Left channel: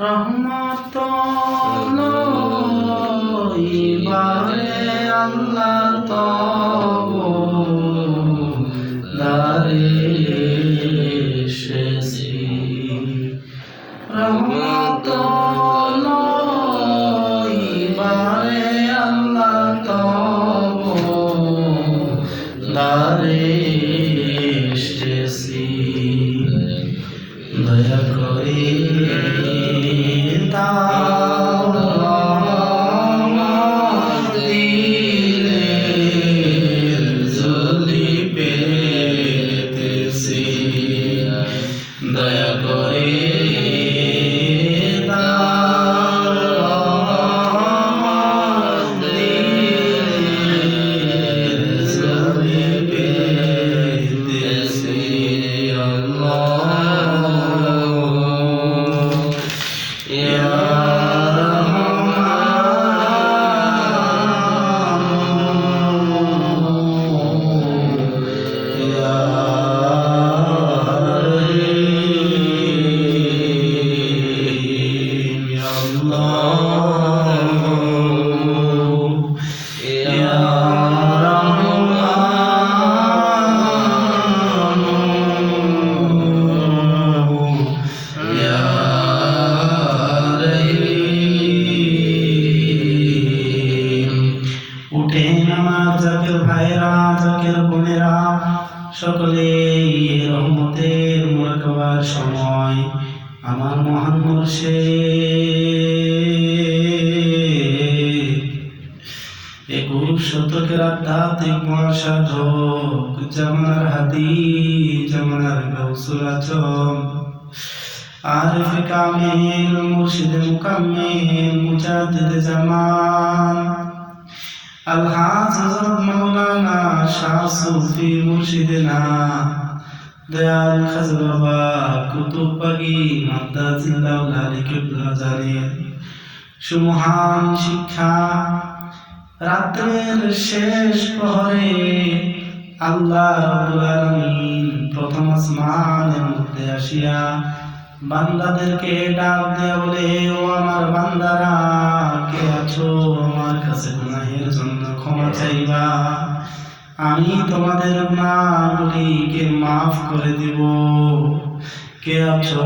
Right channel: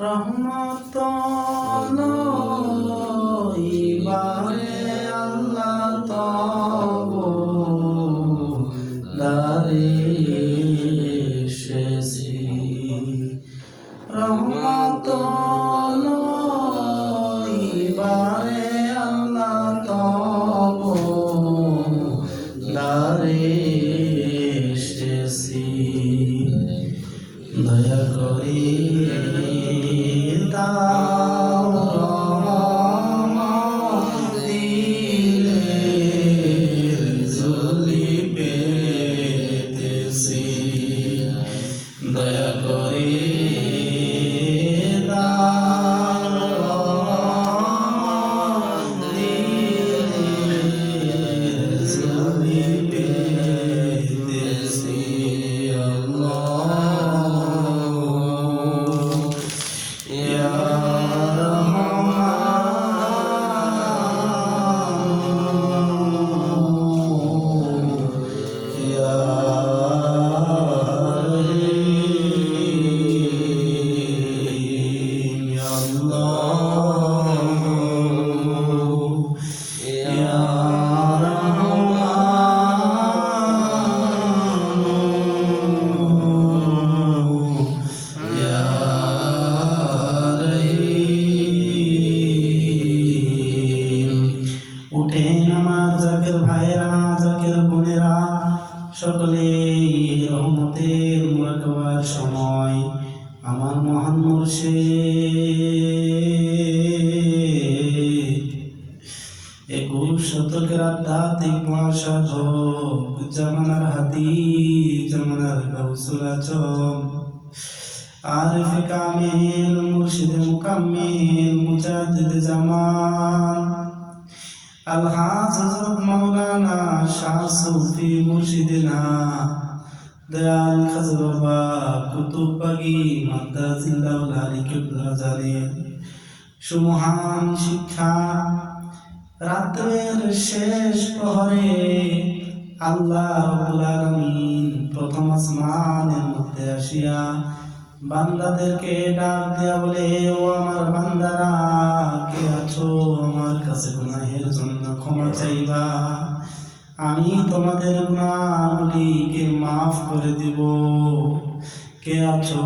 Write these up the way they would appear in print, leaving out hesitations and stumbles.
রহমত লইবারে আল্লাহ তব দারে এসেছি। রহমত লইবারে আল্লাহ তব দারে এসেছি। দয়া করে দয়া করে সকলেই রহমতের মোরাকাবার সময় আমার মহান মুর্শিদ 21 শতকের আধ্যাত্মিক মহাসাধক জামানার হাতি জামানার গাউসুল আজম আরিফ কামিল মুর্শিদ মুকাম্মিল মুজাদ্দিদ জামান আলহাজ হযরত মাওলানা শাহ সুফি মুর্শিদনা দয়াল খাজা বাবা কুতুব বাগী মাদ্দাজিল্লাহ আলী কিবলা জানের সুমহান শিক্ষা রাতের শেষ প্রহরে আল্লাহ রাব্বুল আলামিন প্রথম আসমানের মধ্যে আসিয়া বান্দাদেরকে ডাক দেয়া বলে, ও আমার বান্দারা কে আছো আমার কাছে গুনাহের জন্য ক্ষমা চাইবা, আমি তোমাদের গুনাহগুলিকে মাফ করে দিব। কে আছো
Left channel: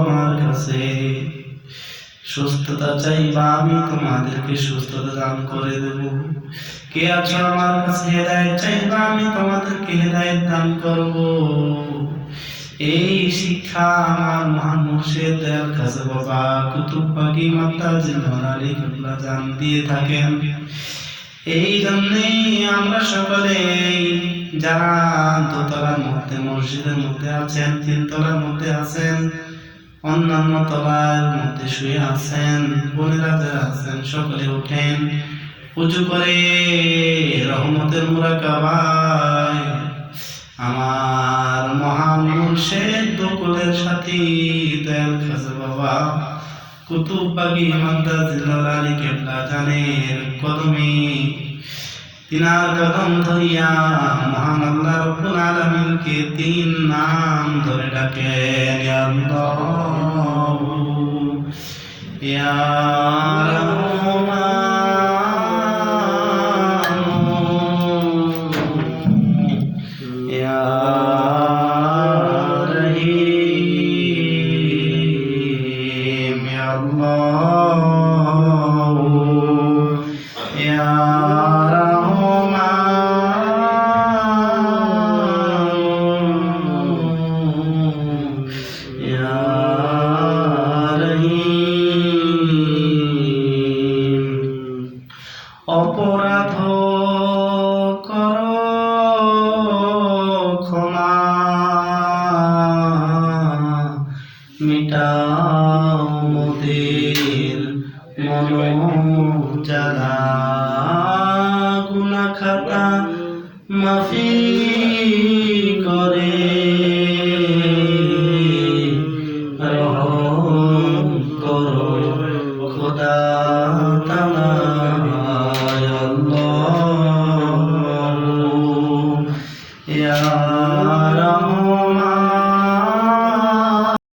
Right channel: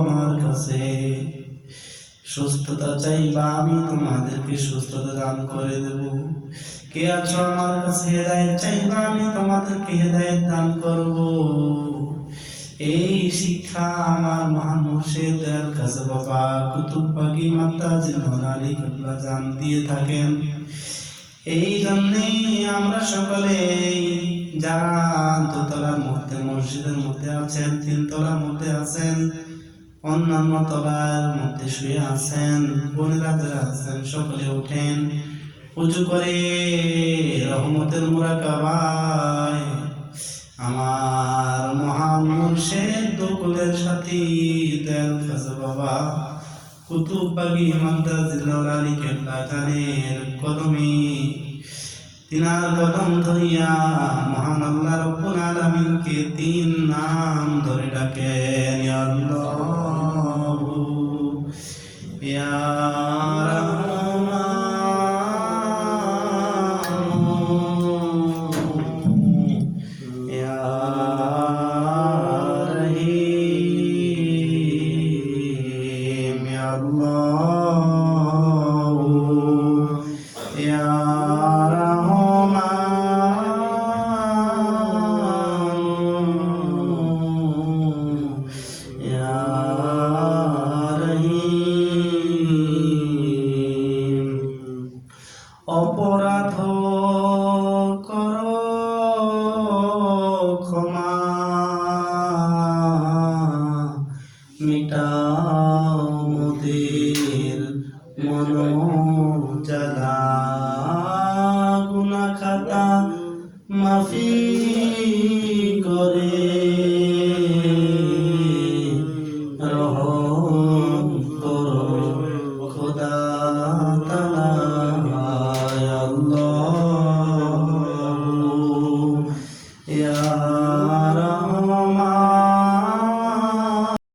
আমার কাছে সুস্থতা চাইবা, আমি তোমাদেরকে সুস্থতা দান করে দেব। কে আছো আমার কাছে হেদায়েত চাইবা, আমি তোমাদেরকে হেদায়েত দান করব। এই শিক্ষা আমার মহান মুর্শিদ দয়াল খাজা বাবা কুতুব বাগী মাদ্দাজিল্লাহ আলী কিবলা জান দিয়ে থাকেন। এই জন্যই আমরা সকলে যারা দোতলার মধ্যে মসজিদের মধ্যে আছেন, 3 তলার মধ্যে আছেন, অন্যান্য তলার মধ্যে শুয়ে আছেন, বোনেরা যারা আছেন সকলে উঠেন, উজু করে রহমতের মুরাকাবায় আমার মহান মুর্শিদ দুকুলের সাথী দয়াল খাজা বাবা কুতুব বাগী মাদ্দাজিল্লাহ আলী কিবলা জানের কদমে তিনার কদম ধরিয়া মহান আল্লাহ রাব্বুল আলামিনকে 3 নাম ধরে ডাকেন, ইয়া আল্লাহ ইয়া